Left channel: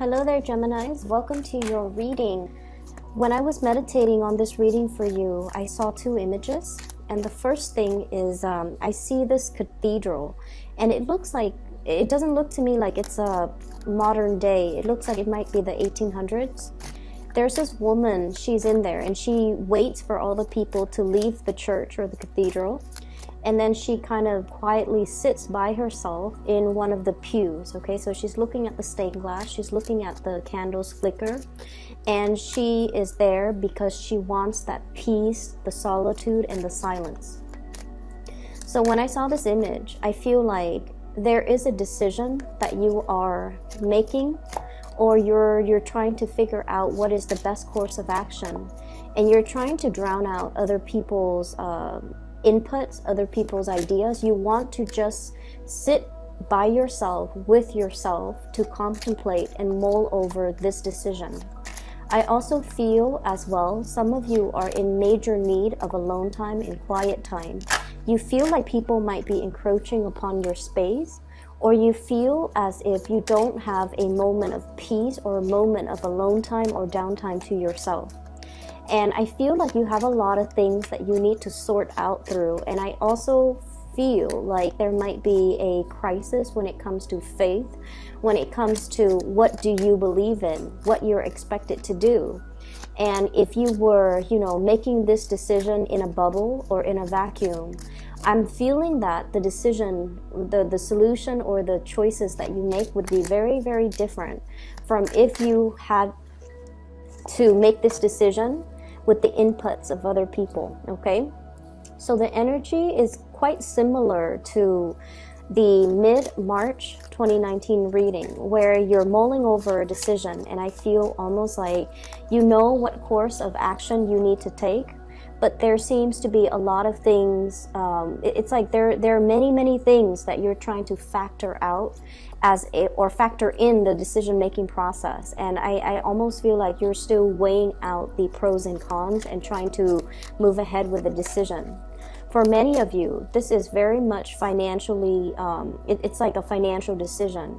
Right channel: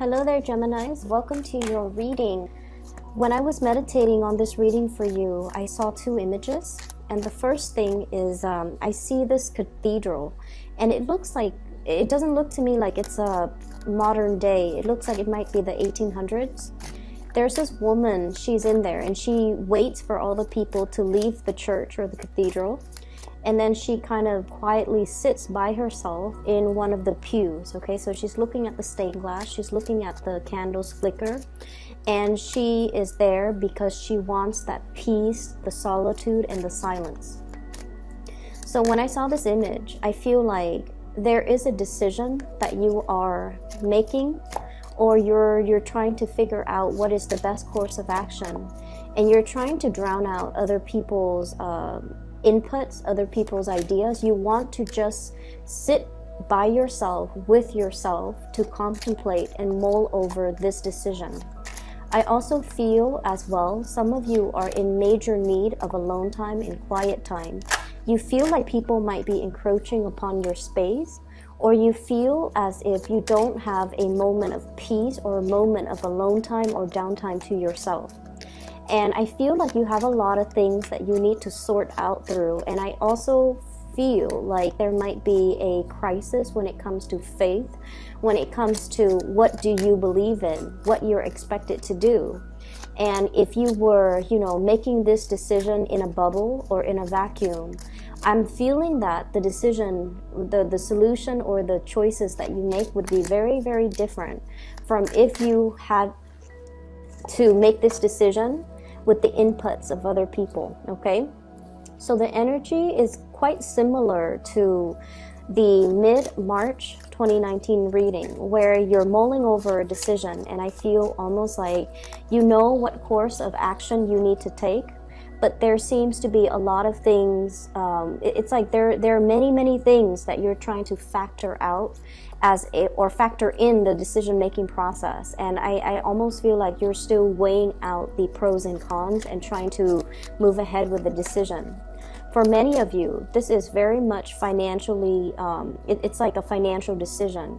Hello there, Geminis. Welcome to your reading. When I was meditating on this reading for you, I saw two images. And the first thing is I see this cathedral. And it doesn't look to me like it's a modern day. It looks like it might be the 1800s. There's this woman, she's in there, and she waits for all the people to leave the church or the cathedral. And then she kind of quietly sits by herself in one of the pews, okay? So she's looking at the stained glass, she's looking at the candles flicker, and she is there because she wants that peace, the solitude, and the silence. So when I saw this image, I feel like there is a decision that you are making, or you're trying to figure out what is the best course of action, and you're trying to drown out other people's inputs, other people's ideas. You want to just sit by yourself, with yourself, to contemplate and mull over this decision. I also feel as well, some of you are in major need of alone time and quiet time. You feel like people might be encroaching upon your space, or you feel as if you don't have a moment of peace or a moment of alone time or downtime to yourself. And I feel like you have a lot of things that you need to sort out through. And I also feel like there might be a crisis when it comes to faith, when it comes to what do you believe in, what you're expected to do. And if you were, making this decision in a bubble or in a vacuum, I'm feeling that the decision, the solution or the choices that you make would be very, very different from if you had to make this decision with the inputs of other people, okay? So the energy is quite similar to the mid-March 2019 reading, where you're mulling over a decision, and I feel almost like you know what course of action you need to take, but there seems to be a lot of things, it's like there are many things that you're trying to factor out or factor in the decision-making process. And I almost feel like you're still weighing out the pros and cons and trying to move ahead with the decision. For many of you, this is very much financially, it's like a financial decision.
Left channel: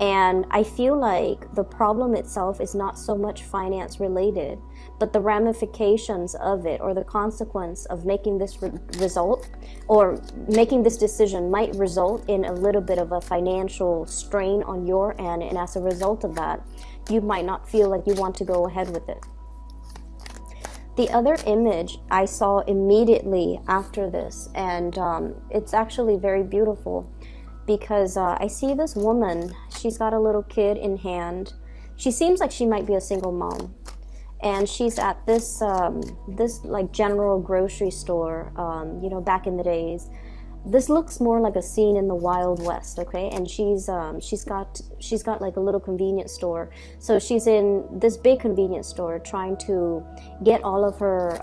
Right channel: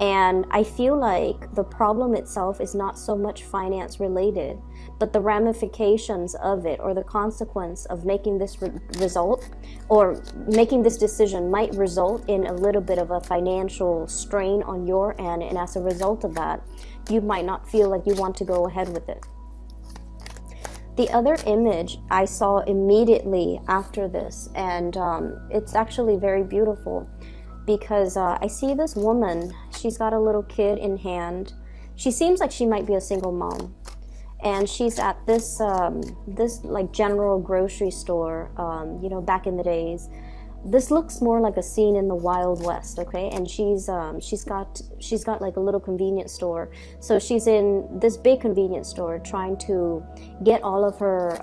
And I feel like the problem itself is not so much finance related, but the ramifications of it, or the consequence of making this result or making this decision might result in a little bit of a financial strain on your end. And as a result of that, you might not feel like you want to go ahead with it. The other image I saw immediately after this, and it's actually very beautiful, because I see this woman. She's got a little kid in hand. She seems like she might be a single mom, and she's at this like general grocery store. Back in the days, this looks more like a scene in the Wild West, okay? And she's got like a little convenience store. So she's in this big convenience store trying to get all of her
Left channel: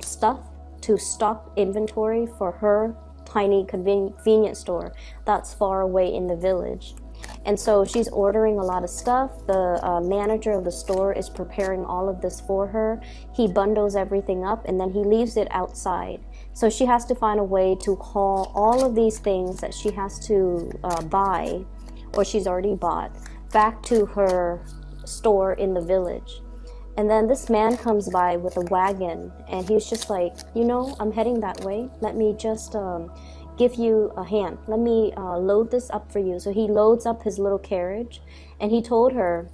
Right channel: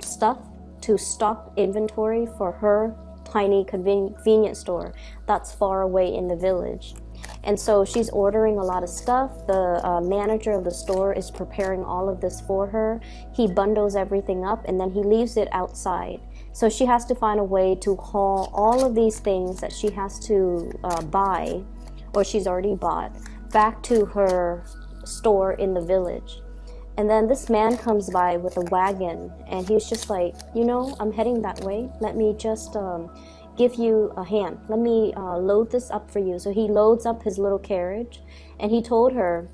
stuff to stock inventory for her tiny convenience store that's far away in the village. And so she's ordering a lot of stuff. The manager of the store is preparing all of this for her. He bundles everything up and then he leaves it outside. So she has to find a way to haul all of these things that she has to buy, or she's already bought, back to her store in the village. And then this man comes by with a wagon, and he's just like, I'm heading that way. Let me just give you a hand. Let me load this up for you. So he loads up his little carriage, and he told her,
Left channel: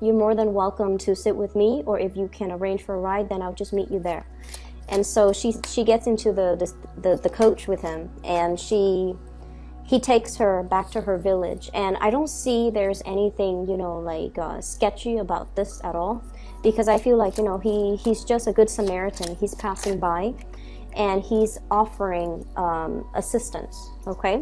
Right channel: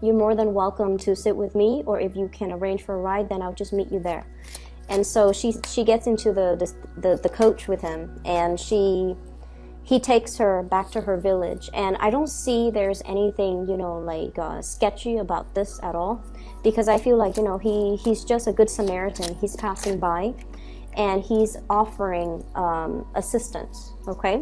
you're more than welcome to sit with me, or if you can arrange for a ride, then I'll just meet you there. And so she gets into the coach with him, and he takes her back to her village. And I don't see there's anything, sketchy about this at all, because I feel like, he's just a good Samaritan. He's passing by, and he's offering assistance, okay?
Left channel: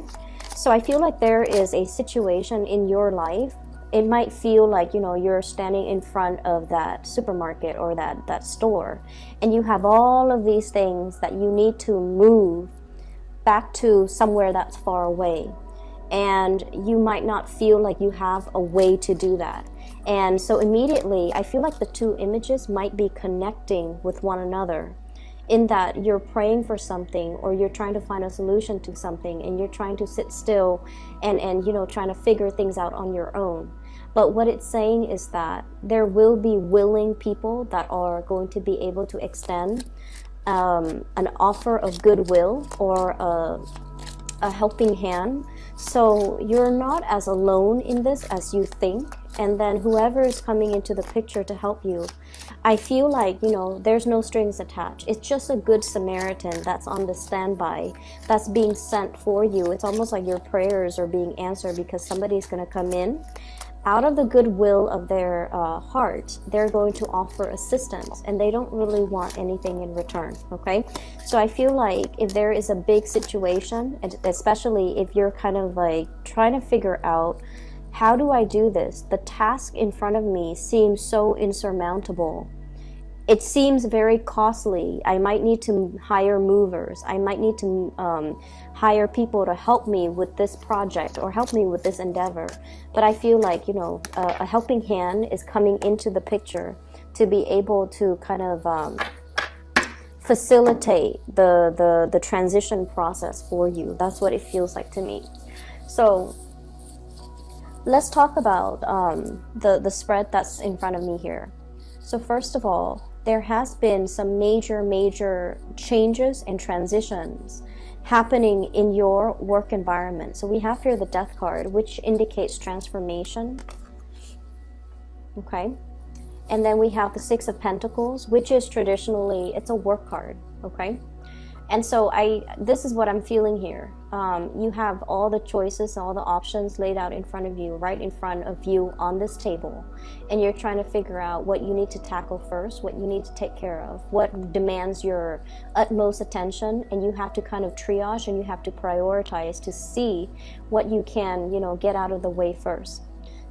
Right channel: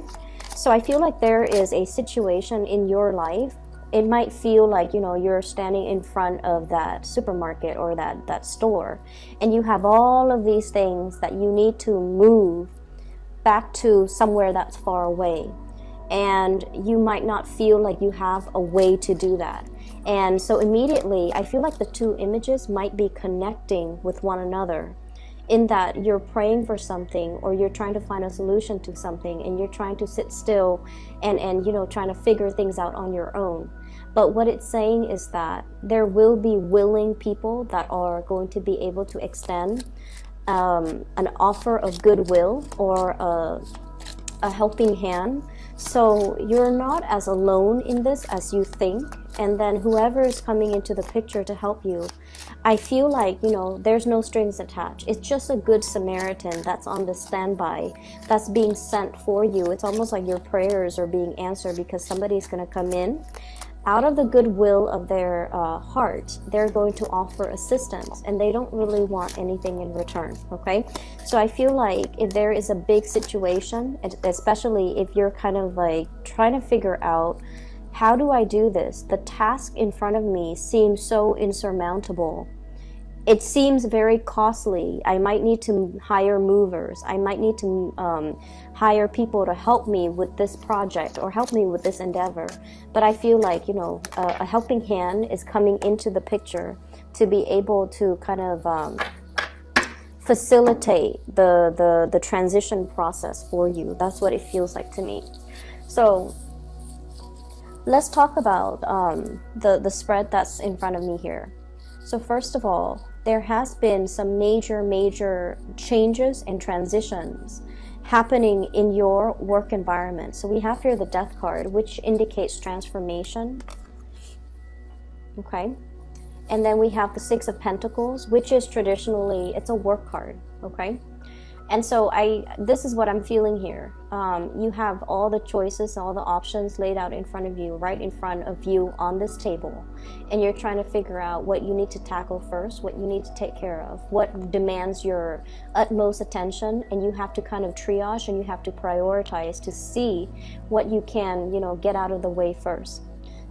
So I feel like there is a situation in your life. It might feel like, you're standing in front of that supermarket or that store, and you have all of these things that you need to move back to somewhere that's far away. And you might not feel like you have a way to do that. And so immediately, I feel like the two images might be connecting with one another, in that you're praying for something, or you're trying to find a solution to something, and you're trying to sit still and trying to figure things out on your own. But what it's saying is that there will be willing people that are going to be able to extend an offer of goodwill or a helping hand. So you're not as alone in this as you think. And then whoever is coming into the picture to help you, I feel like, you know, there's no strings attached. It's just a good Samaritan that's on the standby, that's being sent for you. It's almost like your prayers are being answered because somebody's going to come in. Out of the goodwill of their heart, they're going to offer assistance, and they don't really want anything in return, okay? So I feel like if there is a big situation, and especially if you're kind of like trying to figure out, how do I do this? The task in front of me seems so insurmountable. It seems very costly. I might need to hire movers. I might need to hire people to help me with this project or help me with this endeavor. But I feel like, you know, a helping hand is coming into the picture to be able to kind of facilitate the transition process for you. That's what it feels like to me. So let's talk about the spread that's in front of me here. So first of all, there has been some major changes and transitions happening in your work environment. So we have here the Death card, which indicates transformation. Okay. And then we have the Six of Pentacles, which is traditionally, it's a work card. Okay. And so this is what I'm feeling here. You have all the choices, all the options laid out in front of you, right in front of you on this table. And you're trying to figure out what you need to tackle first, what you need to take care of, what demands your utmost attention. And you have to kind of triage and you have to prioritize to see what you can, you know, get out of the way first.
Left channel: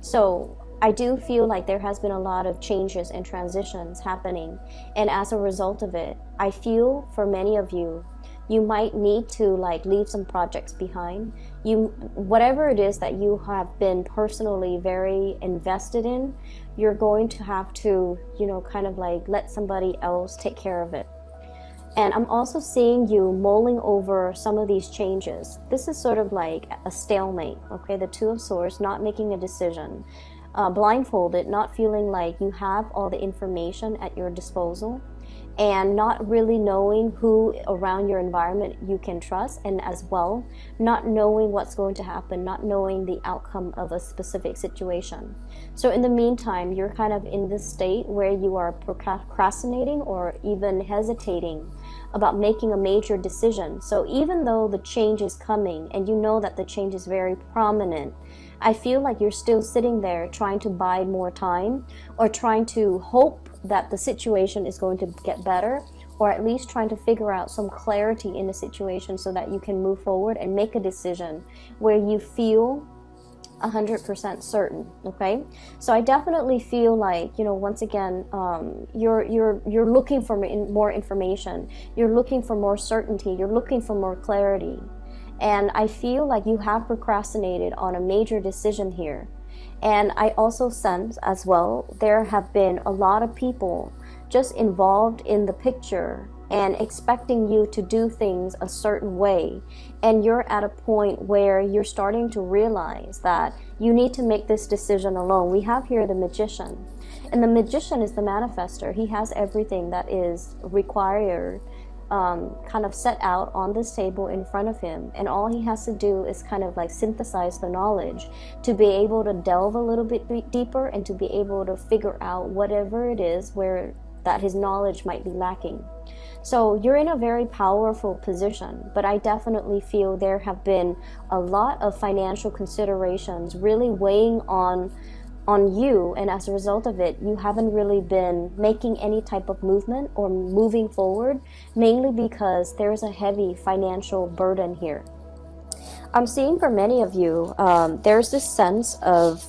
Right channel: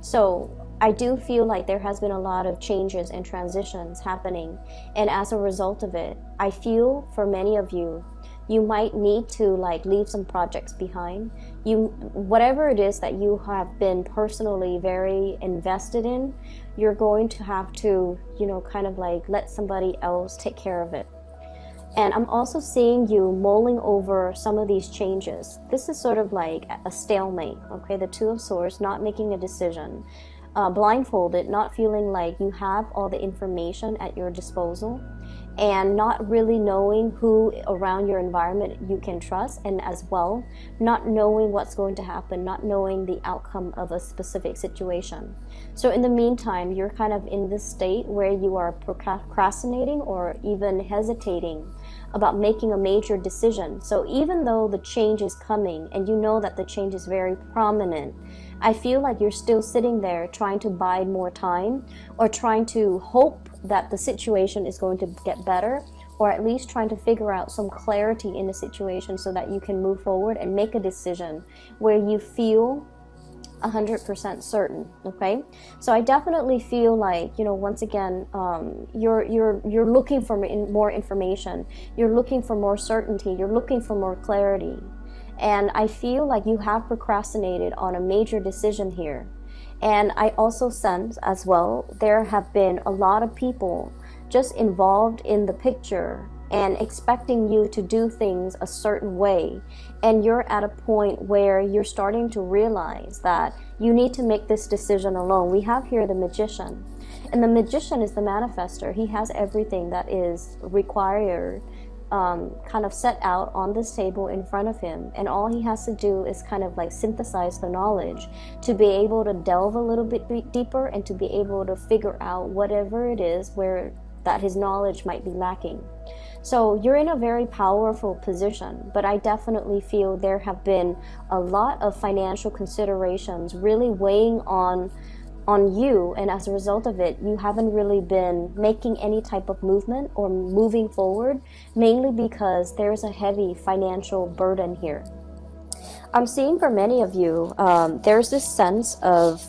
So I do feel like there has been a lot of changes and transitions happening. And as a result of it, I feel for many of you, you might need to like leave some projects behind. Whatever it is that you have been personally very invested in, you're going to have to, you know, kind of like let somebody else take care of it. And I'm also seeing you mulling over some of these changes. This is sort of like a stalemate, okay? The Two of Swords, not making a decision. Blindfolded, not feeling like you have all the information at your disposal, and not really knowing who around your environment you can trust, and as well, not knowing what's going to happen, not knowing the outcome of a specific situation. So in the meantime, you're kind of in this state where you are procrastinating or even hesitating about making a major decision. So even though the change is coming and you know that the change is very prominent, I feel like you're still sitting there trying to buy more time, or trying to hope that the situation is going to get better, or at least trying to figure out some clarity in the situation so that you can move forward and make a decision where you feel 100% certain. Okay, so I definitely feel like, you know, once again, you're looking for more information, you're looking for more certainty, you're looking for more clarity. And I feel like you have procrastinated on a major decision here. And I also sense as well, there have been a lot of people just involved in the picture and expecting you to do things a certain way. And you're at a point where you're starting to realize that you need to make this decision alone. We have here the Magician. And the Magician is the manifester. He has everything that is required kind of set out on this table in front of him, and all he has to do is kind of like synthesize the knowledge to be able to delve a little bit deeper and to be able to figure out whatever it is where that his knowledge might be lacking. So you're in a very powerful position, but I definitely feel there have been a lot of financial considerations really weighing on you, and as a result of it, you haven't really been making any type of movement or moving forward, mainly because there's a heavy financial burden here. I'm seeing for many of you, there's this sense of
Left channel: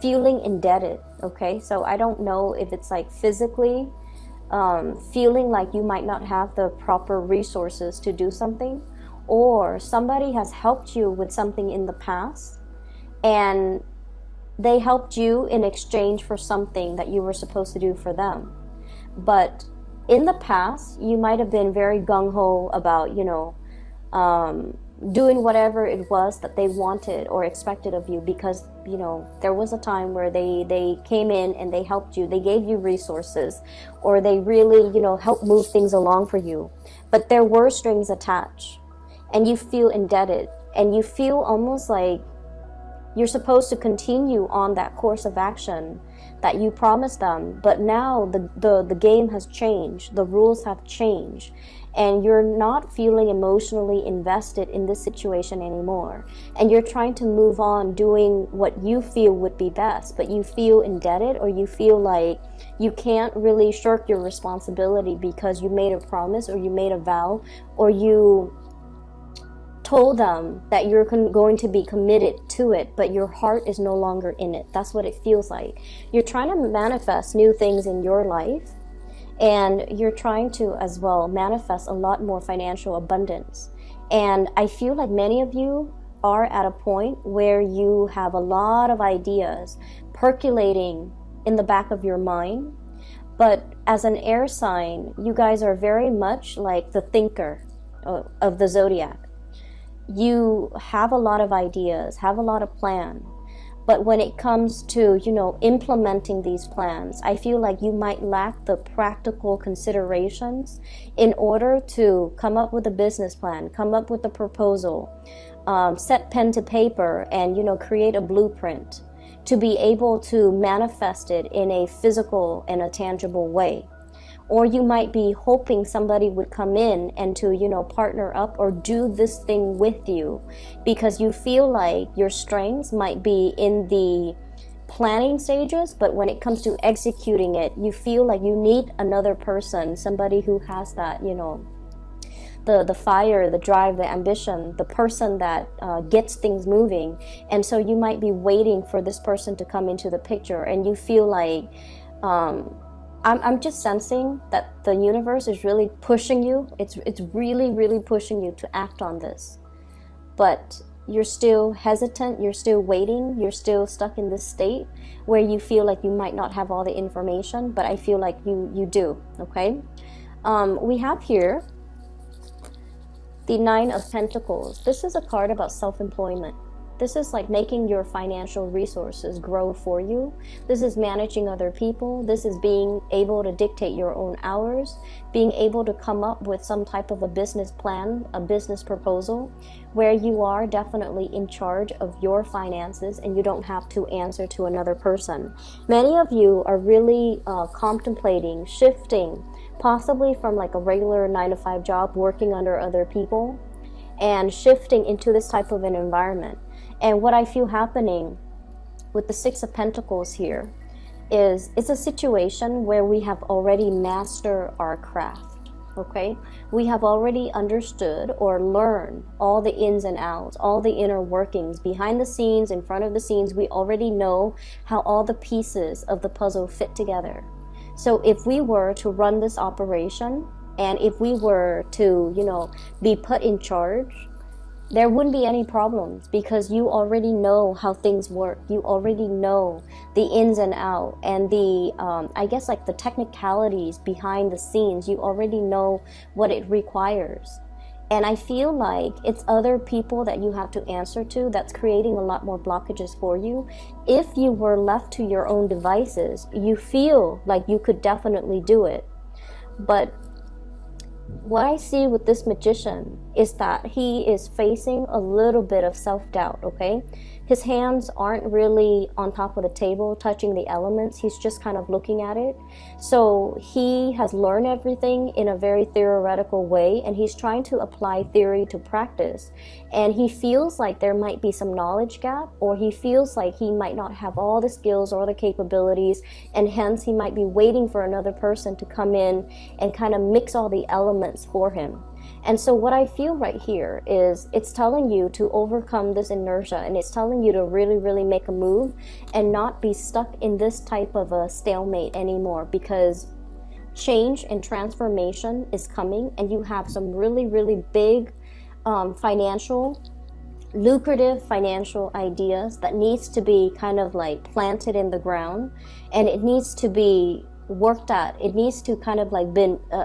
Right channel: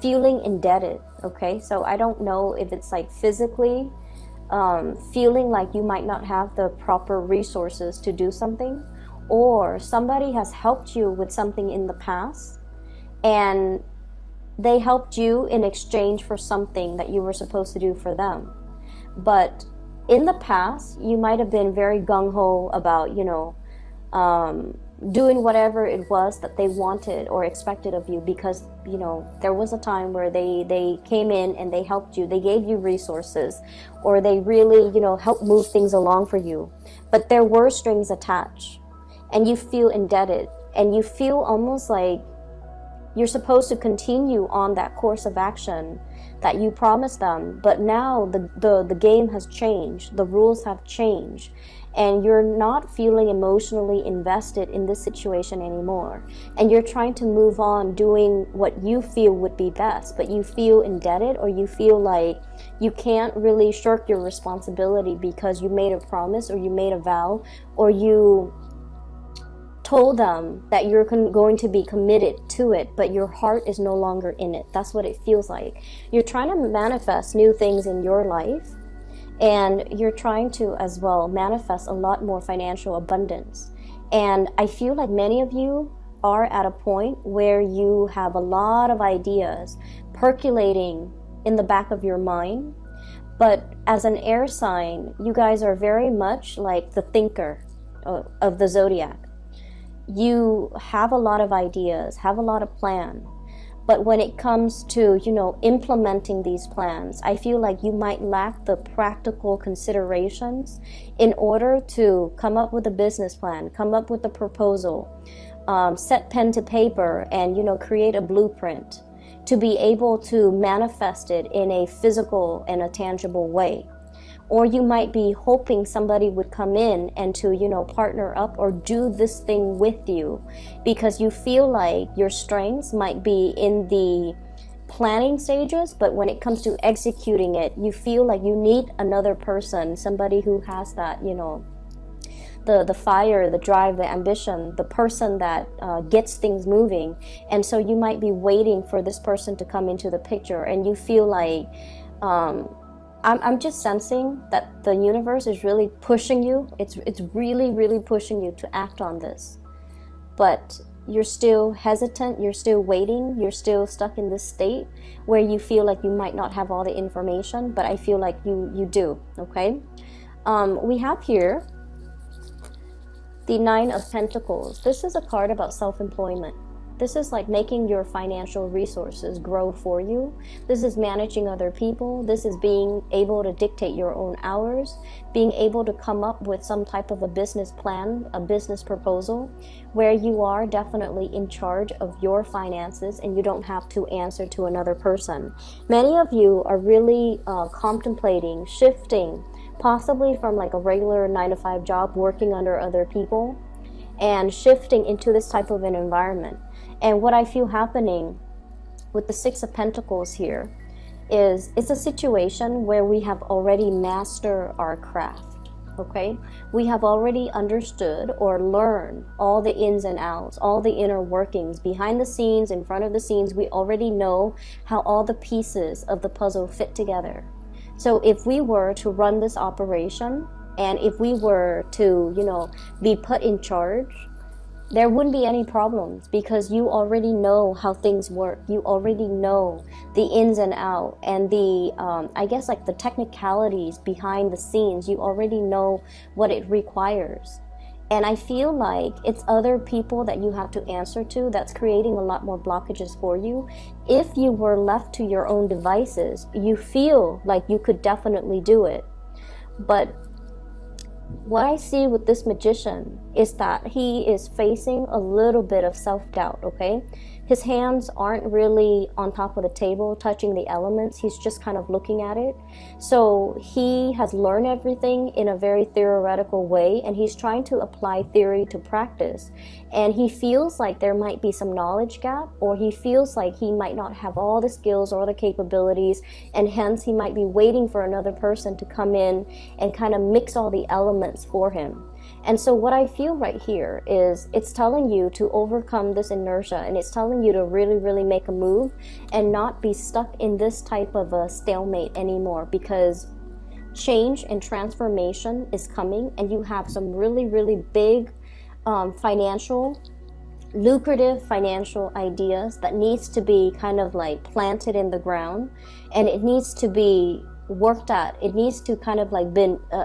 feeling indebted, okay? So I don't know if it's like physically feeling like you might not have the proper resources to do something, or somebody has helped you with something in the past, and they helped you in exchange for something that you were supposed to do for them. But in the past, you might have been very gung-ho about, you know, doing whatever it was that they wanted or expected of you, because you know, there was a time where they came in and they helped you, they gave you resources, or they really, you know, helped move things along for you. But there were strings attached, and you feel indebted, and you feel almost like you're supposed to continue on that course of action that you promised them. But now the game has changed, the rules have changed, and you're not feeling emotionally invested in this situation anymore. And you're trying to move on doing what you feel would be best, but you feel indebted, or you feel like you can't really shirk your responsibility because you made a promise, or you made a vow, or you told them that you're going to be committed to it, but your heart is no longer in it. That's what it feels like. You're trying to manifest new things in your life, and you're trying to as well manifest a lot more financial abundance. And I feel like many of you are at a point where you have a lot of ideas percolating in the back of your mind. But as an air sign, you guys are very much like the thinker of the zodiac. You have a lot of ideas, have a lot of plans, but when it comes to, you know, implementing these plans, I feel like you might lack the practical considerations in order to come up with a business plan, come up with a proposal, set pen to paper, and, you know, create a blueprint to be able to manifest it in a physical and a tangible way. Or you might be hoping somebody would come in and to, you know, partner up or do this thing with you, because you feel like your strengths might be in the planning stages, but when it comes to executing it, you feel like you need another person, somebody who has that, you know, the fire, the drive, the ambition, the person that gets things moving. And so you might be waiting for this person to come into the picture, and you feel like I'm just sensing that the universe is really pushing you. It's really, really pushing you to act on this. But you're still hesitant, you're still waiting, you're still stuck in this state where you feel like you might not have all the information, but I feel like you do, okay? We have here the Nine of Pentacles. This is a card about self-employment. This is like making your financial resources grow for you. This is managing other people. This is being able to dictate your own hours, being able to come up with some type of a business plan, a business proposal, where you are definitely in charge of your finances and you don't have to answer to another person. Many of you are really contemplating shifting, possibly from like a regular 9-to-5 job working under other people, and shifting into this type of an environment. And what I feel happening with the Six of Pentacles here is it's a situation where we have already mastered our craft, okay? We have already understood or learned all the ins and outs, all the inner workings, behind the scenes, in front of the scenes. We already know how all the pieces of the puzzle fit together. So if we were to run this operation, and if we were to, you know, be put in charge, there wouldn't be any problems, because you already know how things work. You already know the ins and outs, and the, I guess like the technicalities behind the scenes. You already know what it requires. And I feel like it's other people that you have to answer to that's creating a lot more blockages for you. If you were left to your own devices, you feel like you could definitely do it. But what I see with this magician is that he is facing a little bit of self-doubt, okay? His hands aren't really on top of the table touching the elements. He's just kind of looking at it. So he has learned everything in a very theoretical way, and he's trying to apply theory to practice. And he feels like there might be some knowledge gap, or he feels like he might not have all the skills or the capabilities, and hence he might be waiting for another person to come in and kind of mix all the elements for him. And so what I feel right here is it's telling you to overcome this inertia, and it's telling you to really, really make a move and not be stuck in this type of a stalemate anymore, because change and transformation is coming, and you have some really, really big lucrative financial ideas that needs to be kind of like planted in the ground, and it needs to be worked at. It needs to kind of like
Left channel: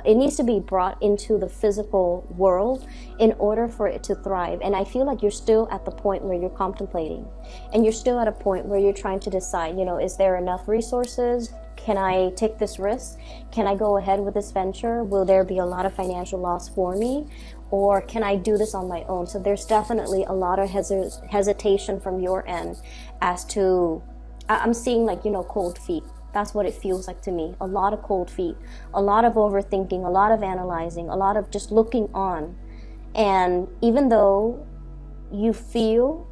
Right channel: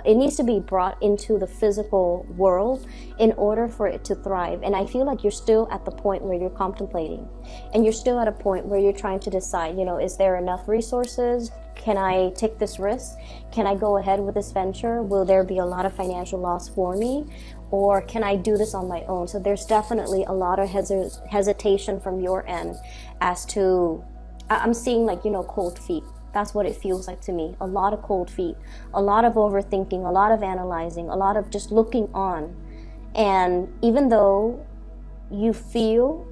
it needs to be brought into the physical world in order for it to thrive. And I feel like you're still at the point where you're contemplating, and you're still at a point where you're trying to decide, is there enough resources? Can I take this risk? Can I go ahead with this venture? Will there be a lot of financial loss for me? Or can I do this on my own? So there's definitely a lot of hesitation from your end as to, I'm seeing like, cold feet. That's what it feels like to me. A lot of cold feet, a lot of overthinking, a lot of analyzing, a lot of just looking on. And even though you feel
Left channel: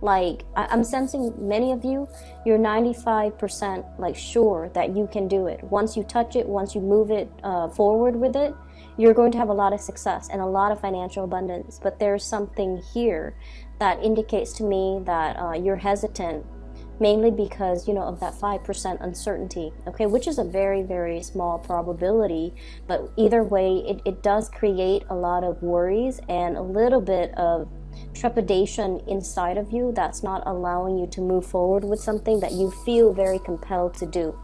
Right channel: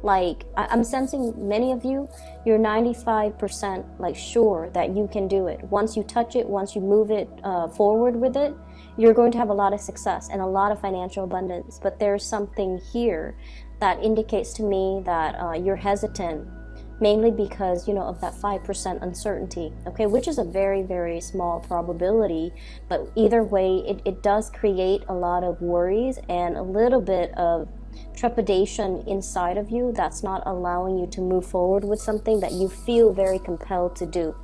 like, I'm sensing many of you, you're 95% like sure that you can do it. Once you touch it, once you move it forward with it, you're going to have a lot of success and a lot of financial abundance. But there's something here that indicates to me that you're hesitant, mainly because, of that 5% uncertainty, okay, which is a very, very small probability. But either way, it does create a lot of worries and a little bit of trepidation inside of you that's not allowing you to move forward with something that you feel very compelled to do.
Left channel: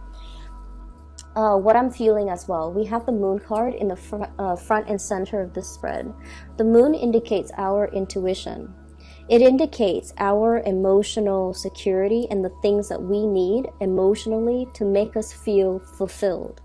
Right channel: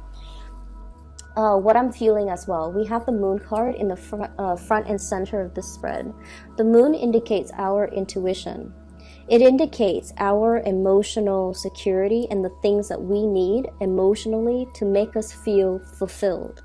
What I'm feeling as well, we have the moon card in the front and center of the spread. The moon indicates our intuition. It indicates our emotional security and the things that we need emotionally to make us feel fulfilled.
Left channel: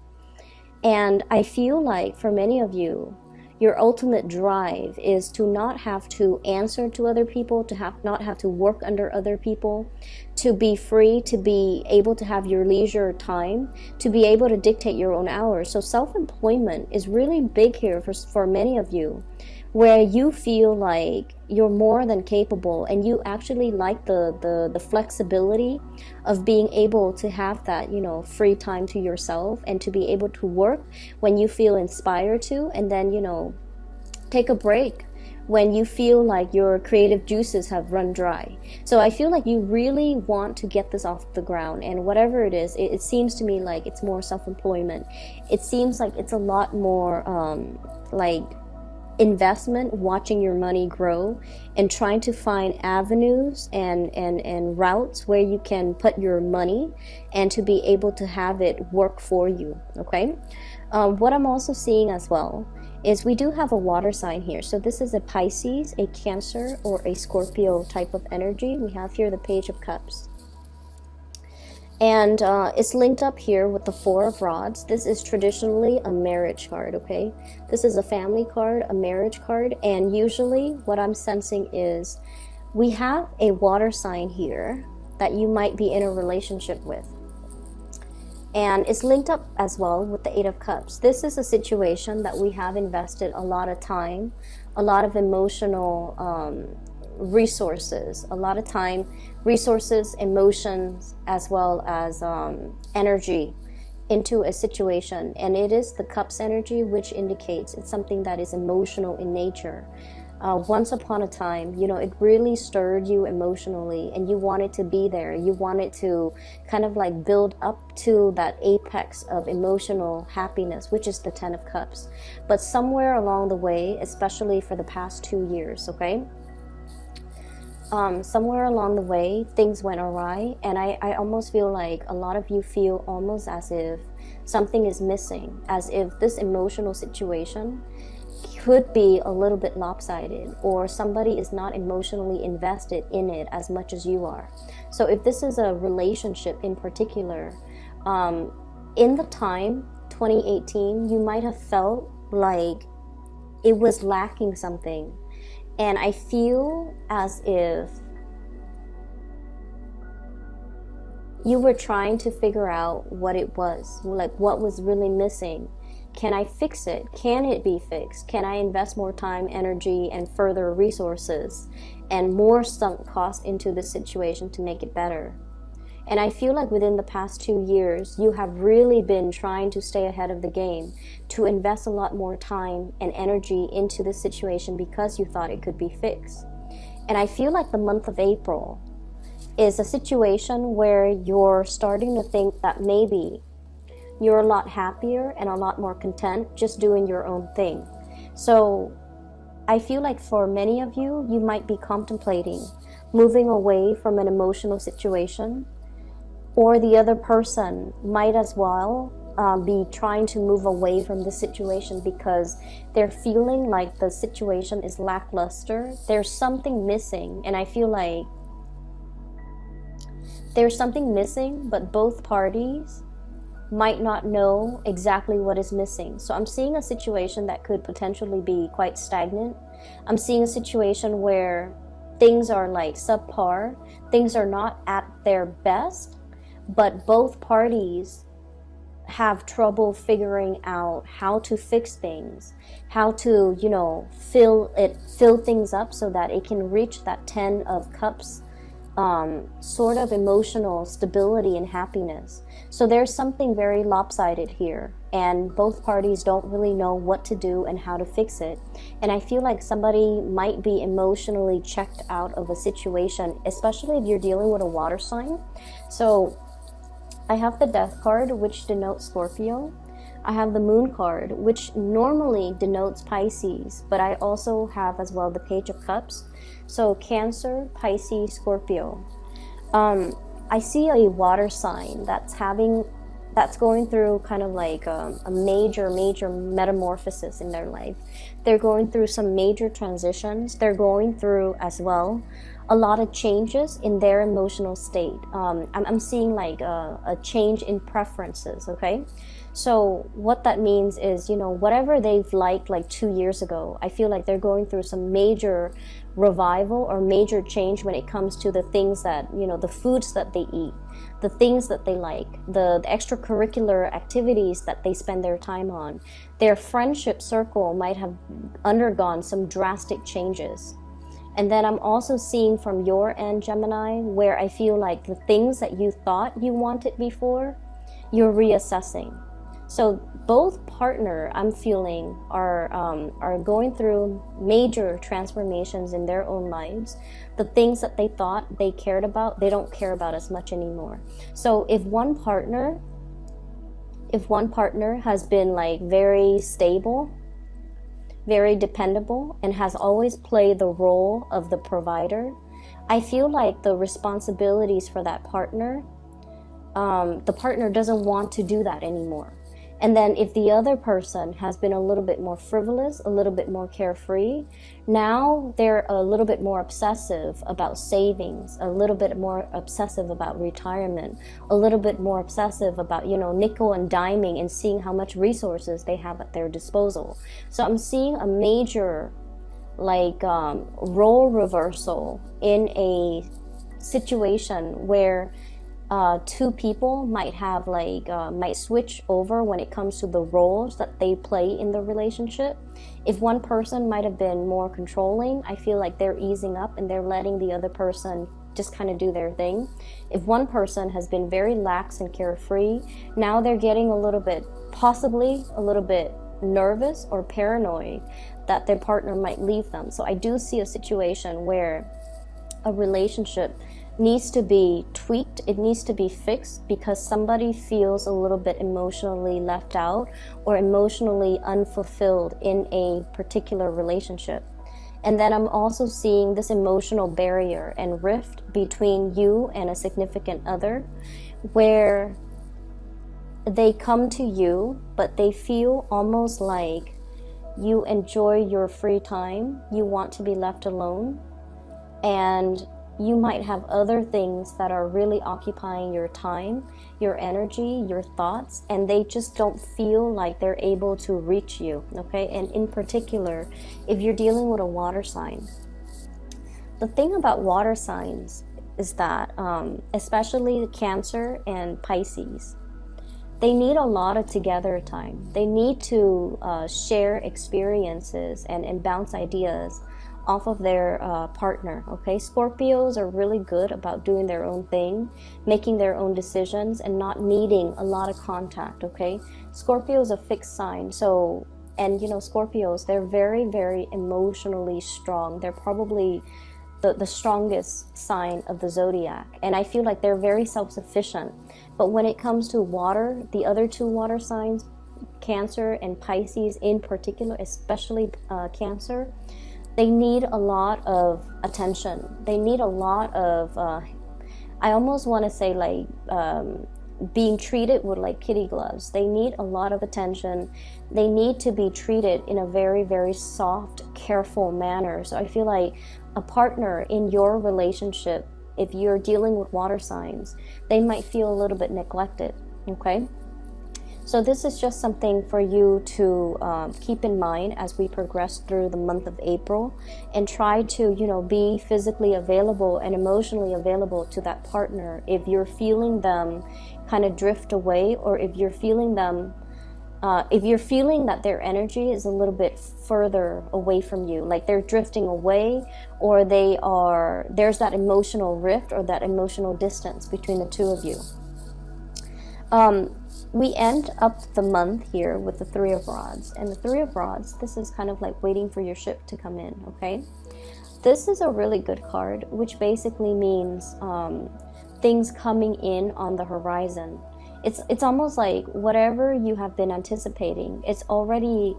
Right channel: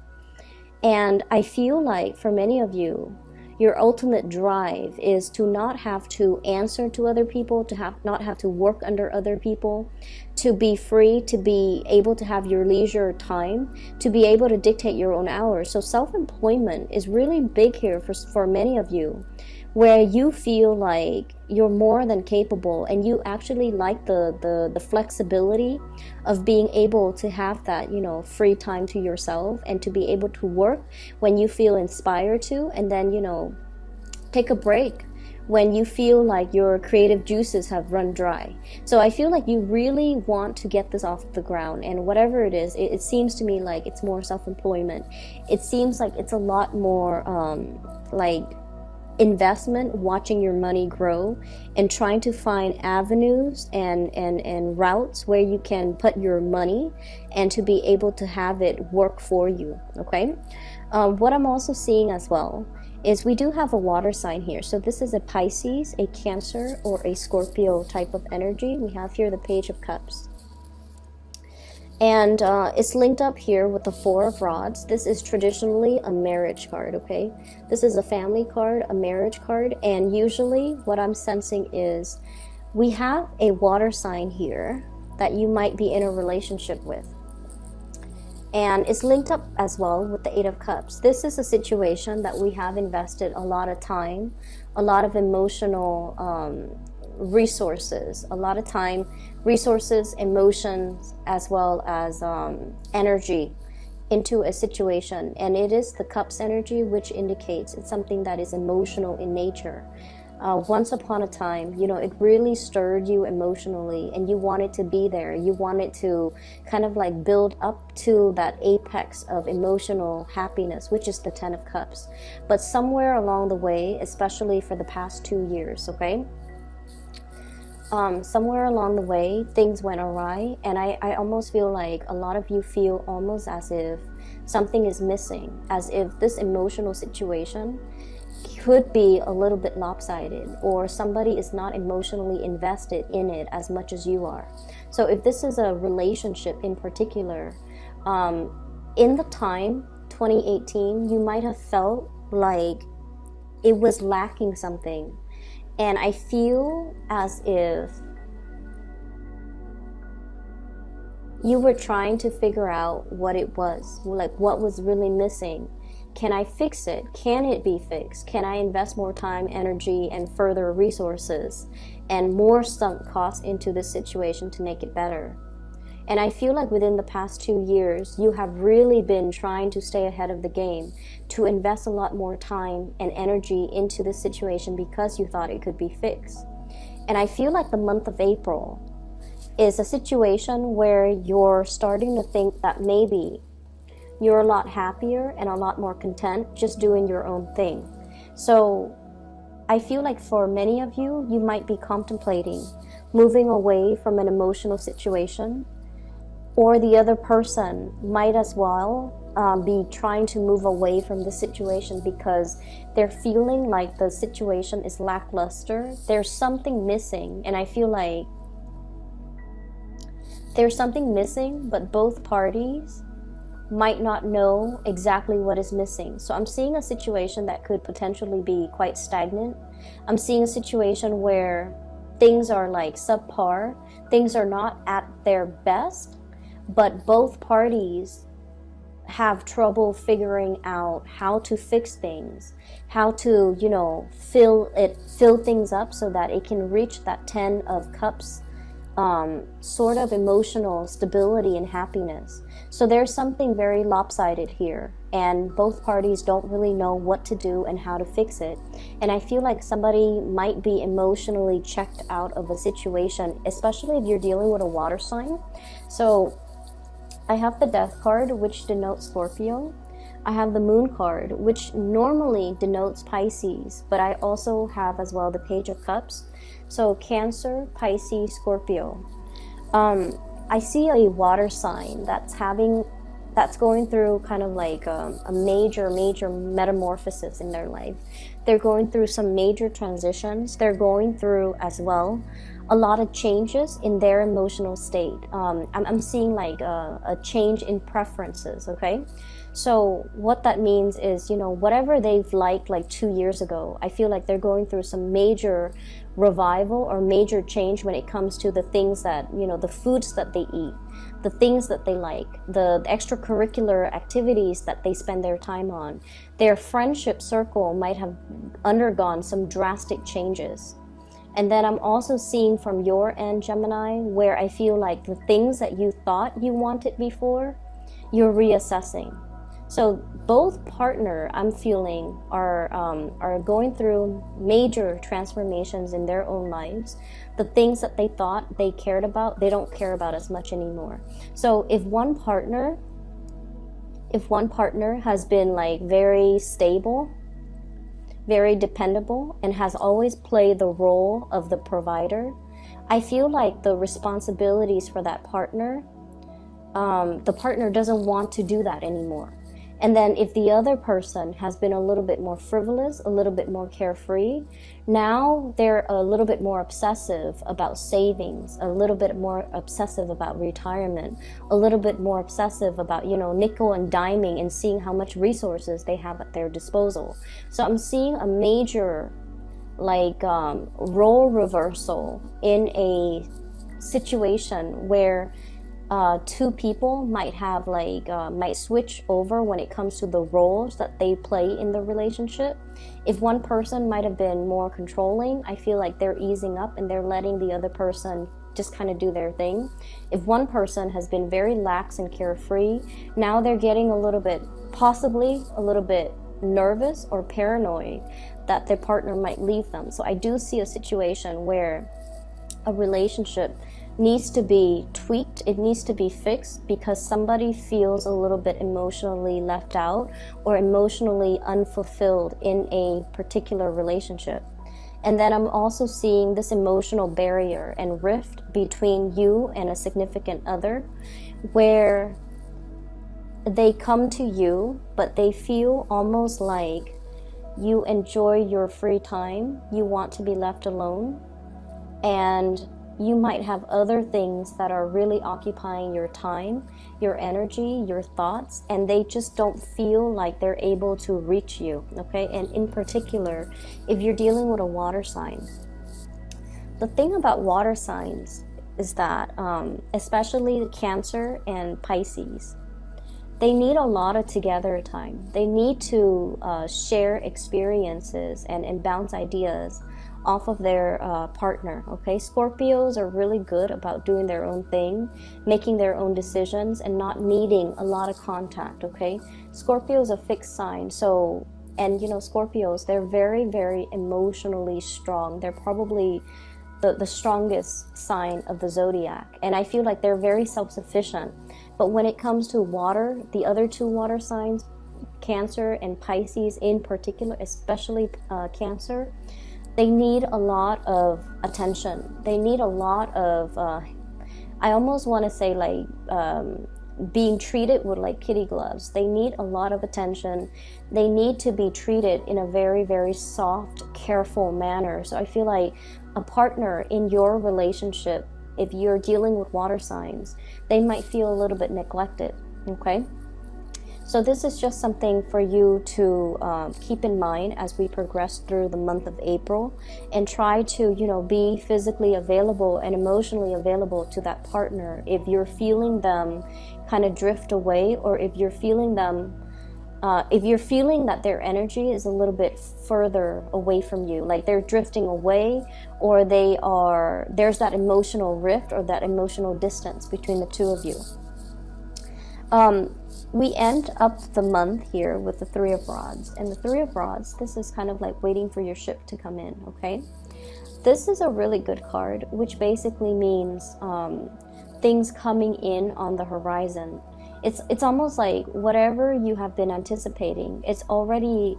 And I feel like for many of you, your ultimate drive is to not have to answer to other people, to not have to work under other people, to be free, to be able to have your leisure time, to be able to dictate your own hours. So self-employment is really big here for many of you, where you feel like you're more than capable and you actually like the flexibility of being able to have that, free time to yourself and to be able to work when you feel inspired to, and then, take a break when you feel like your creative juices have run dry. So I feel like you really want to get this off the ground, and whatever it is, it seems to me like it's more self-employment. It seems like it's a lot more like investment, watching your money grow and trying to find avenues and routes where you can put your money and to be able to have it work for you. Okay. What I'm also seeing as well is we do have a water sign here. So this is a Pisces, a Cancer, or a Scorpio type of energy. We have here the Page of Cups. And it's linked up here with the Four of Rods. This is traditionally a marriage card, okay? This is a family card, a marriage card, and usually what I'm sensing is we have a water sign here that you might be in a relationship with. And it's linked up as well with the Eight of Cups. This is a situation that we have invested a lot of time, a lot of emotional resources, a lot of time, resources, emotions, as well as energy into a situation. And it is the Cups energy, which indicates it's something that is emotional in nature. Once upon a time, it really stirred you emotionally and you wanted to be there. You wanted to kind of like build up to that apex of emotional happiness, which is the Ten of Cups. But somewhere along the way, especially for the past 2 years, okay? Somewhere along the way, things went awry, and I almost feel like a lot of you feel almost as if something is missing, as if this emotional situation could be a little bit lopsided, or somebody is not emotionally invested in it as much as you are. So if this is a relationship in particular, in the time 2018, you might have felt like it was lacking something. And I feel as if you were trying to figure out what it was, like what was really missing. Can I fix it? Can it be fixed? Can I invest more time, energy, and further resources and more sunk cost into this situation to make it better? And I feel like within the past 2 years, you have really been trying to stay ahead of the game, to invest a lot more time and energy into this situation because you thought it could be fixed. And I feel like the month of April is a situation where you're starting to think that maybe you're a lot happier and a lot more content just doing your own thing. So I feel like for many of you, you might be contemplating moving away from an emotional situation, or the other person might as well be trying to move away from the situation because they're feeling like the situation is lackluster. There's something missing, and I feel like there's something missing, but both parties might not know exactly what is missing. So I'm seeing a situation that could potentially be quite stagnant. I'm seeing a situation where things are like subpar, things are not at their best, but both parties have trouble figuring out how to fix things, how to, you know, fill things up so that it can reach that 10 of cups sort of emotional stability and happiness. So there's something very lopsided here, and both parties don't really know what to do and how to fix it. And I feel like somebody might be emotionally checked out of a situation, especially if you're dealing with a water sign. So I have the Death card, which denotes Scorpio. I have the Moon card, which normally denotes Pisces, but I also have as well the Page of Cups. So Cancer, Pisces, Scorpio. I see a water sign that's going through kind of like a major metamorphosis in their life. They're going through some major transitions. They're going through as well a lot of changes in their emotional state. I'm seeing like a change in preferences, okay? So what that means is, you know, whatever they've liked like 2 years ago, I feel like they're going through some major revival or major change when it comes to the things that, you know, the foods that they eat, the things that they like, the extracurricular activities that they spend their time on. Their friendship circle might have undergone some drastic changes. And then I'm also seeing from your end, Gemini, where I feel like the things that you thought you wanted before, you're reassessing. So both partner, I'm feeling, are going through major transformations in their own lives. The things that they thought they cared about, they don't care about as much anymore. So if one partner has been like very stable, very dependable, and has always played the role of the provider, I feel like the responsibilities for that partner, the partner doesn't want to do that anymore. And then if the other person has been a little bit more frivolous, a little bit more carefree, now they're a little bit more obsessive about savings, a little bit more obsessive about retirement, a little bit more obsessive about, you know, nickel and diming and seeing how much resources they have at their disposal. So I'm seeing a major like role reversal in a situation where two people might have like might switch over when it comes to the roles that they play in the relationship. If one person might have been more controlling, I feel like they're easing up and they're letting the other person just kind of do their thing. If one person has been very lax and carefree, now they're getting a little bit, possibly a little bit nervous or paranoid that their partner might leave them. So I do see a situation where a relationship needs to be tweaked, it needs to be fixed because somebody feels a little bit emotionally left out or emotionally unfulfilled in a particular relationship. And then I'm also seeing this emotional barrier and rift between you and a significant other where they come to you but they feel almost like you enjoy your free time, you want to be left alone, and you might have other things that are really occupying your time, your energy, your thoughts, and they just don't feel like they're able to reach you, okay? And in particular, if you're dealing with a water sign, the thing about water signs is that, especially Cancer and Pisces, they need a lot of together time. They need to share experiences and bounce ideas off of their partner, okay? Scorpios are really good about doing their own thing, making their own decisions, and not needing a lot of contact, okay? Scorpio is a fixed sign, so, and you know, Scorpios, they're very, very emotionally strong. They're probably the strongest sign of the zodiac, and I feel like they're very self-sufficient. But when it comes to water, the other two water signs, Cancer and Pisces in particular, especially Cancer, they need a lot of attention. They need a lot of, I almost want to say like being treated with like kitty gloves. They need a lot of attention. They need to be treated in a very, very soft, careful manner. So I feel like a partner in your relationship, if you're dealing with water signs, they might feel a little bit neglected, okay? So this is just something for you to keep in mind as we progress through the month of April, and try to, be physically available and emotionally available to that partner if you're feeling them kind of drift away, or if you're feeling them, if you're feeling that their energy is a little bit further away from you, like they're drifting away, or there's that emotional rift or that emotional distance between the two of you. We end up the month here with the Three of Rods. And the Three of Rods, this is kind of like waiting for your ship to come in, okay? This is a really good card, which basically means things coming in on the horizon. It's almost like whatever you have been anticipating, it's already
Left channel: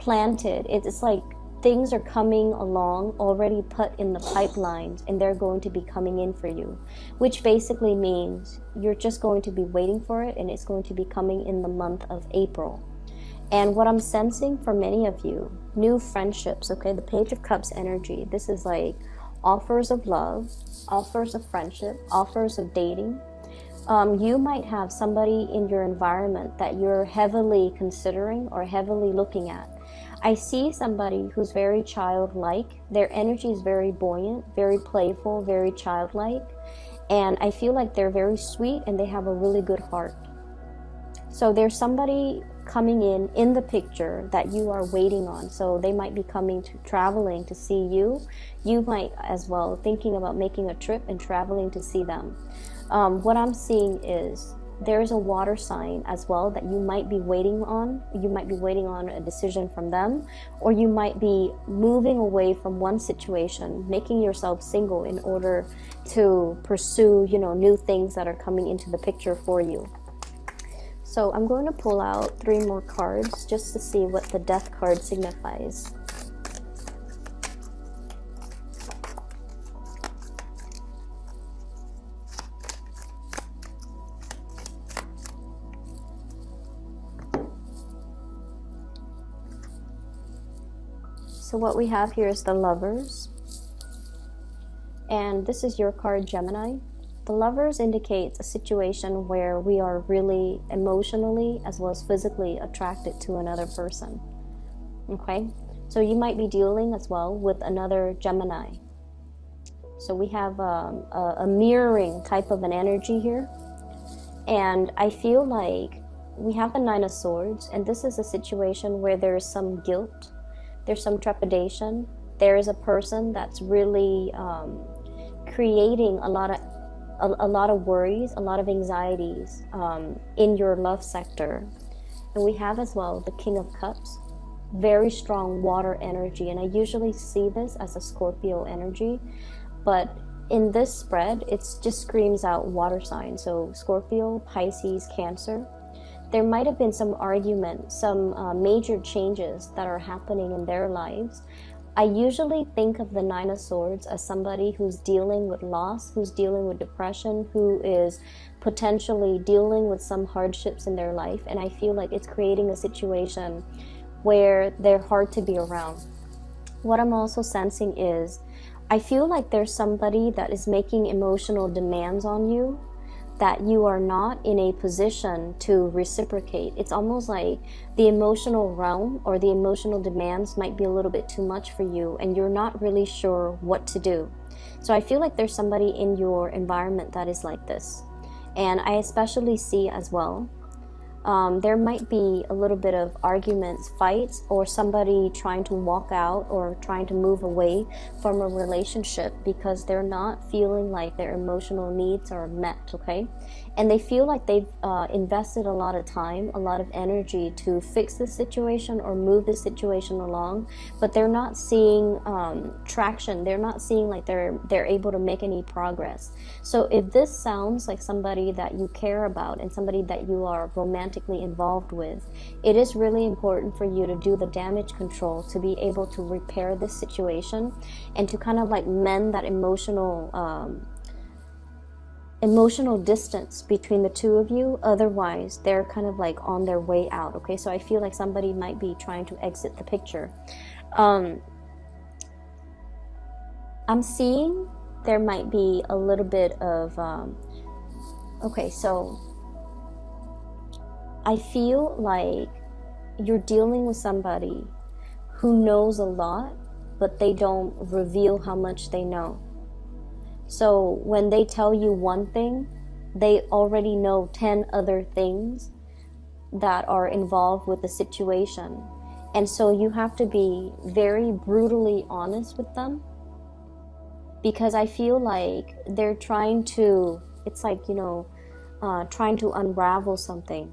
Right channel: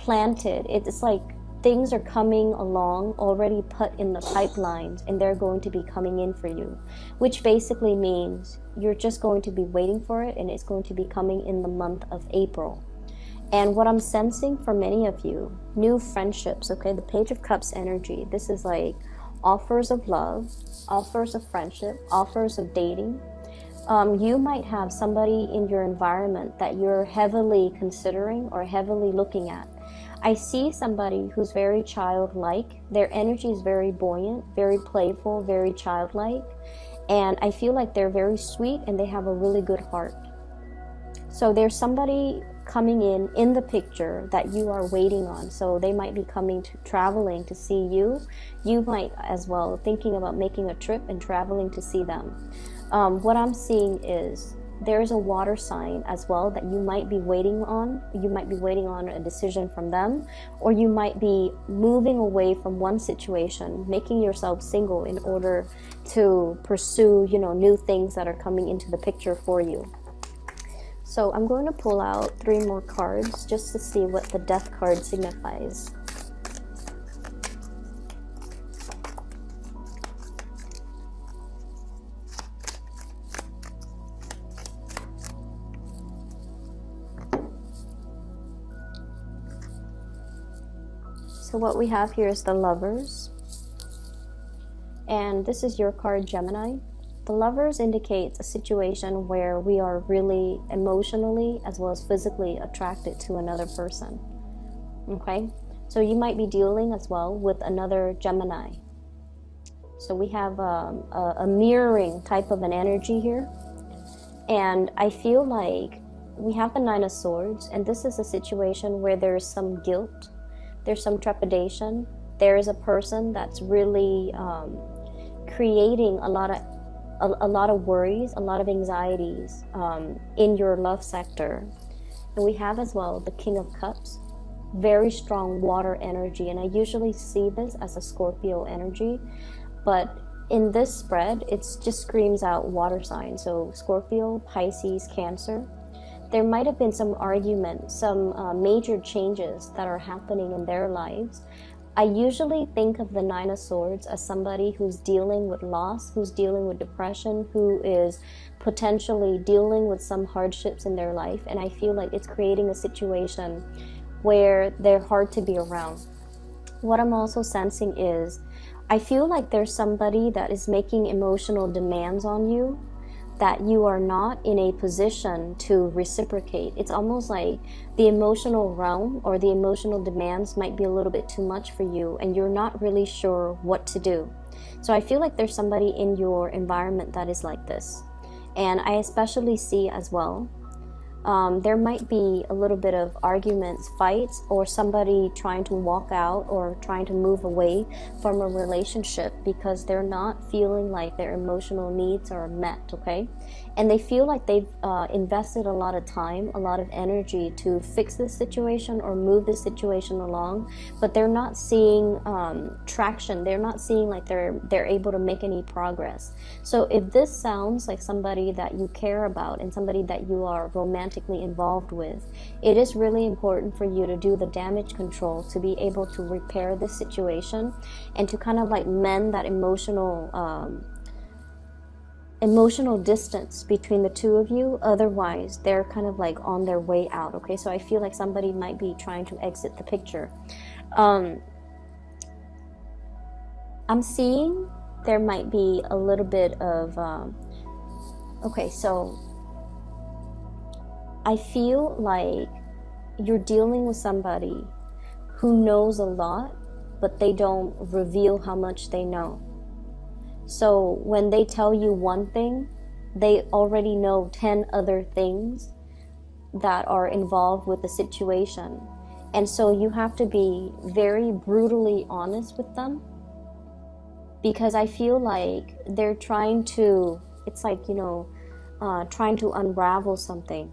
planted. It's like things are coming along, already put in the pipelines, and they're going to be coming in for you, which basically means you're just going to be waiting for it, and it's going to be coming in the month of April. And what I'm sensing for many of you, new friendships, okay, the Page of Cups energy, this is like offers of love, offers of friendship, offers of dating. You might have somebody in your environment that you're heavily considering or heavily looking at. I see somebody who's very childlike. Their energy is very buoyant, very playful, very childlike. And I feel like they're very sweet and they have a really good heart. So there's somebody coming in the picture that you are waiting on. So they might be traveling to see you. You might as well thinking about making a trip and traveling to see them. What I'm seeing is there's a water sign as well that you might be waiting on. You might be waiting on a decision from them, or you might be moving away from one situation, making yourself single in order to pursue, new things that are coming into the picture for you. So I'm going to pull out 3 more cards just to see what the Death card signifies. So what we have here is the Lovers. And this is your card, Gemini. The Lovers indicates a situation where we are really emotionally as well as physically attracted to another person. Okay? So you might be dealing as well with another Gemini. So we have a mirroring type of an energy here. And I feel like we have the Nine of Swords, and this is a situation where there's some guilt. There's some trepidation. There is a person that's really creating a lot of worries, a lot of anxieties in your love sector. And we have as well the King of Cups, very strong water energy. And I usually see this as a Scorpio energy, but in this spread, it just screams out water signs. So Scorpio, Pisces, Cancer. There might have been some argument, some major changes that are happening in their lives. I usually think of the Nine of Swords as somebody who's dealing with loss, who's dealing with depression, who is potentially dealing with some hardships in their life. And I feel like it's creating a situation where they're hard to be around. What I'm also sensing is, I feel like there's somebody that is making emotional demands on you that you are not in a position to reciprocate. It's almost like the emotional realm or the emotional demands might be a little bit too much for you, and you're not really sure what to do. So I feel like there's somebody in your environment that is like this. And I especially see as well, there might be a little bit of arguments, fights, or somebody trying to walk out or trying to move away from a relationship because they're not feeling like their emotional needs are met, okay? And they feel like they've invested a lot of time, a lot of energy to fix the situation or move the situation along, but they're not seeing traction. They're not seeing like they're able to make any progress. So if this sounds like somebody that you care about and somebody that you are romantically involved with, it is really important for you to do the damage control to be able to repair the situation and to kind of like mend that emotional emotional distance between the two of you. Otherwise, they're kind of like on their way out. Okay, so I feel like somebody might be trying to exit the picture. I'm seeing there might be a little bit of okay, so I feel like you're dealing with somebody who knows a lot, but they don't reveal how much they know. So when they tell you one thing, they already know 10 other things that are involved with the situation. And so you have to be very brutally honest with them, because I feel like they're trying to, it's like, you know, trying to unravel something,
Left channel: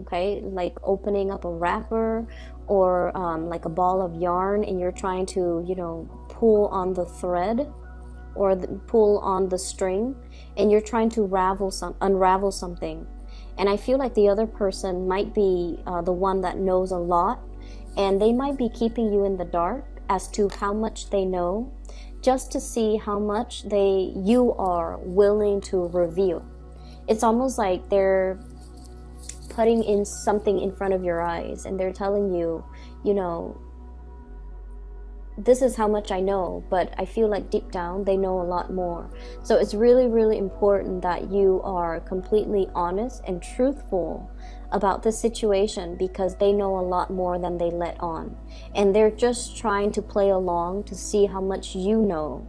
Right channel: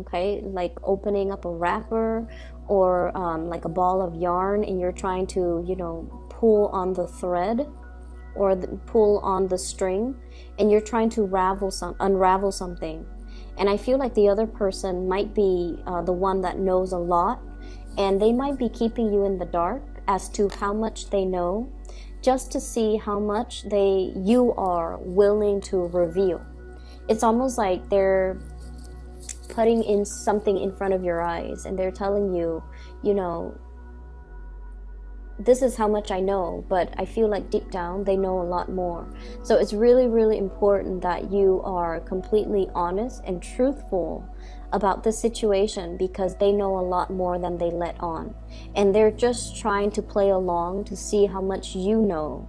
okay? Like opening up a wrapper or like a ball of yarn, and you're trying to, you know, pull on the thread or pull on the string, and you're trying to unravel something. And I feel like the other person might be the one that knows a lot, and they might be keeping you in the dark as to how much they know, just to see how much you are willing to reveal. It's almost like they're putting in something in front of your eyes, and they're telling you, you know, this is how much I know, but I feel like deep down they know a lot more. So it's really, really important that you are completely honest and truthful about the situation, because they know a lot more than they let on. And they're just trying to play along to see how much you know,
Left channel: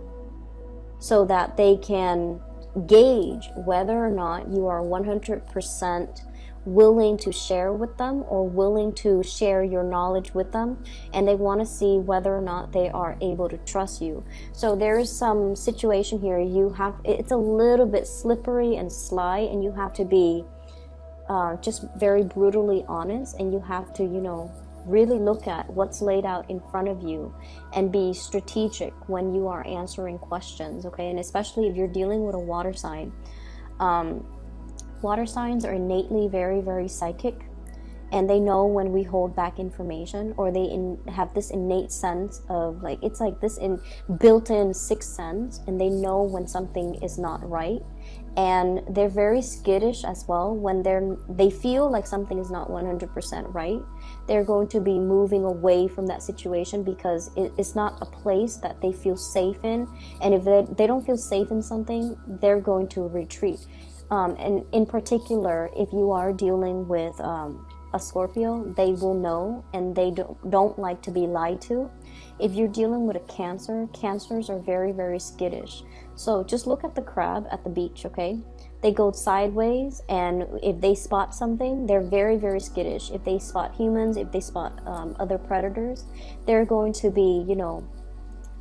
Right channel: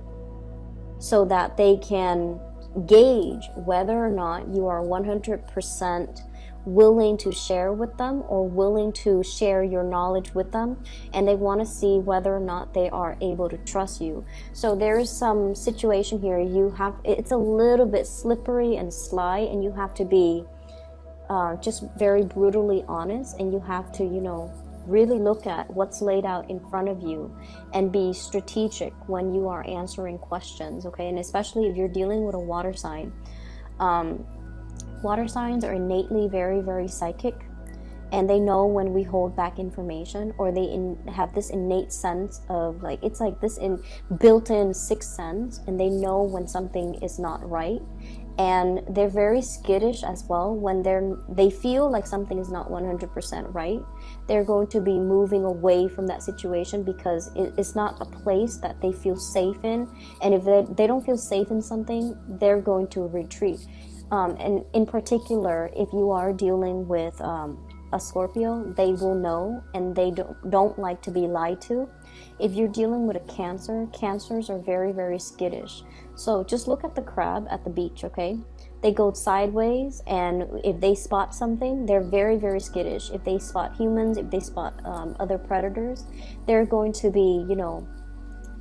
so that they can gauge whether or not you are 100% willing to share with them, or willing to share your knowledge with them, and they want to see whether or not they are able to trust you. So there is some situation here, it's a little bit slippery and sly, and you have to be just very brutally honest, and you have to, you know, really look at what's laid out in front of you and be strategic when you are answering questions, okay? And especially if you're dealing with a water sign. Water signs are innately very, very psychic, and they know when we hold back information, or they have this innate sense of, like, it's like this built-in sixth sense, and they know when something is not right. And they're very skittish as well. When they feel like something is not 100% right, they're going to be moving away from that situation, because it's not a place that they feel safe in. And if they don't feel safe in something, they're going to retreat. And in particular, if you are dealing with a Scorpio, they will know, and they don't like to be lied to. If you're dealing with a Cancer, Cancers are very, very skittish. So just look at the crab at the beach, okay? They go sideways, and if they spot something, they're very, very skittish. If they spot humans, if they spot other predators, they're going to be, you know,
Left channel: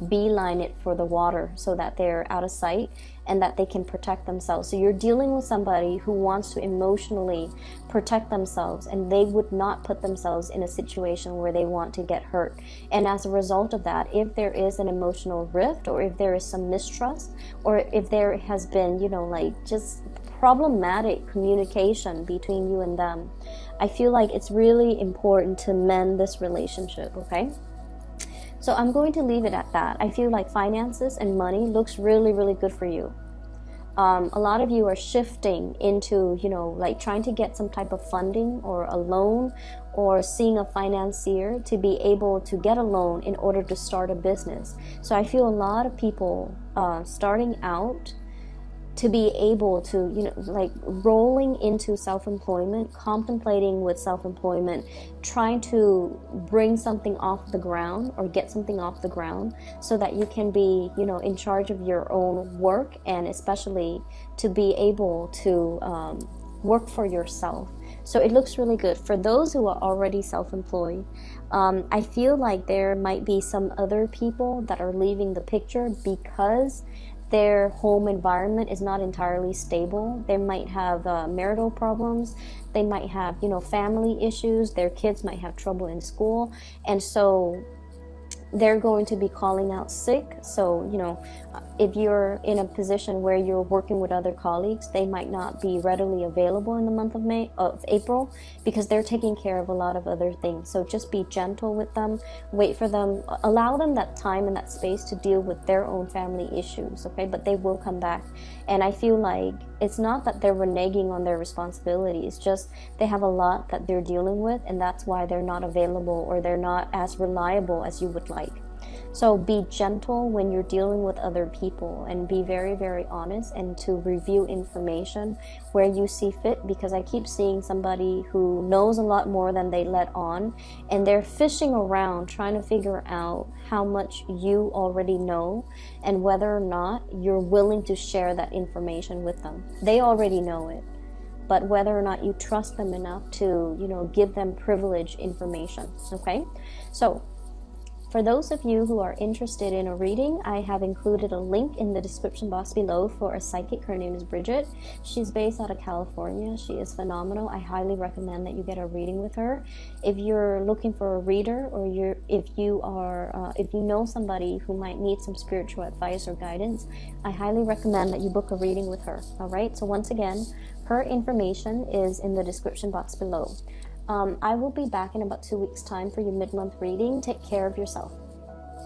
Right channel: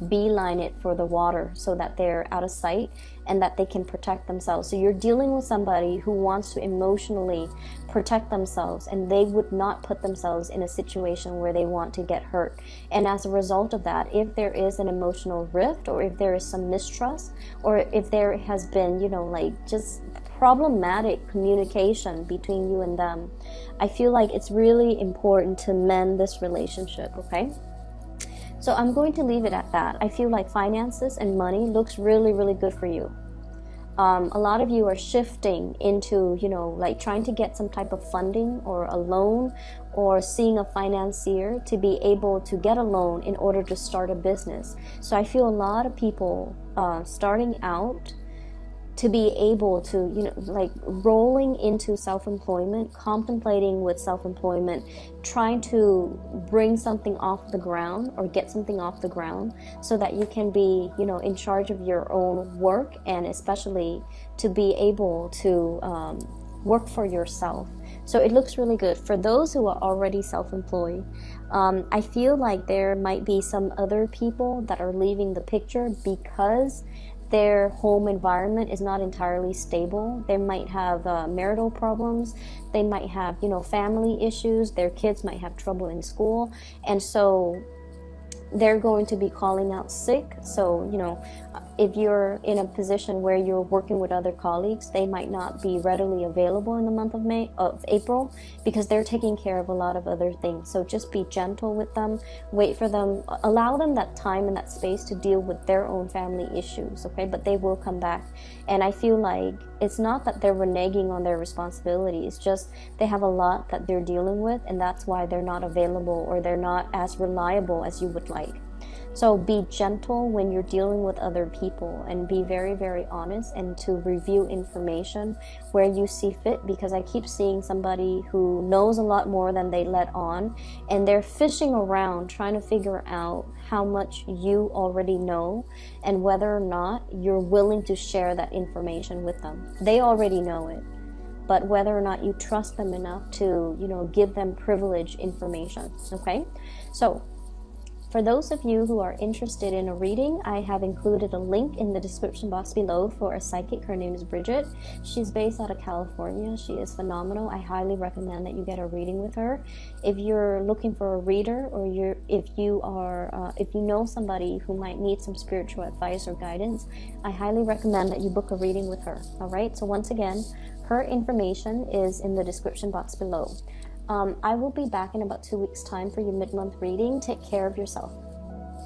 beeline it for the water, so that they're out of sight and that they can protect themselves. So you're dealing with somebody who wants to emotionally protect themselves, and they would not put themselves in a situation where they want to get hurt. And as a result of that, if there is an emotional rift, or if there is some mistrust, or if there has been, you know, like just problematic communication between you and them, I feel like it's really important to mend this relationship, okay? So I'm going to leave it at that. I feel like finances and money looks really, really good for you. A lot of you are shifting into, you know, like trying to get some type of funding or a loan, or seeing a financier to be able to get a loan in order to start a business. So I feel a lot of people starting out to be able to, you know, like rolling into self-employment, contemplating with self-employment, trying to bring something off the ground or get something off the ground, so that you can be, you know, in charge of your own work, and especially to be able to work for yourself. So it looks really good. For those who are already self-employed, I feel like there might be some other people that are leaving the picture because their home environment is not entirely stable. They might have marital problems. They might have, you know, family issues. Their kids might have trouble in school. And so they're going to be calling out sick. So, you know, if you're in a position where you're working with other colleagues, they might not be readily available in the month of April, because they're taking care of a lot of other things. So just be gentle with them, wait for them, allow them that time and that space to deal with their own family issues, okay? But they will come back. And I feel like It's not that they're reneging on their responsibility. It's just they have a lot that they're dealing with, and that's why they're not available or they're not as reliable as you would like. So be gentle when you're dealing with other people, and be very, very honest, and to review information where you see fit, because I keep seeing somebody who knows a lot more than they let on, and they're fishing around trying to figure out how much you already know and whether or not you're willing to share that information with them. They already know it, but whether or not you trust them enough to, give them privileged information. Okay, so for those of you who are interested in a reading, I have included a link in the description box below for a psychic. Her name is Bridget. She's based out of California. She is phenomenal. I highly recommend that you get a reading with her. If you're looking for a reader, or if you know somebody who might need some spiritual advice or guidance, I highly recommend that you book a reading with her. All right. So once again, her information is in the description box below. I will be back in about 2 weeks' time for your mid-month reading. Take care of yourself.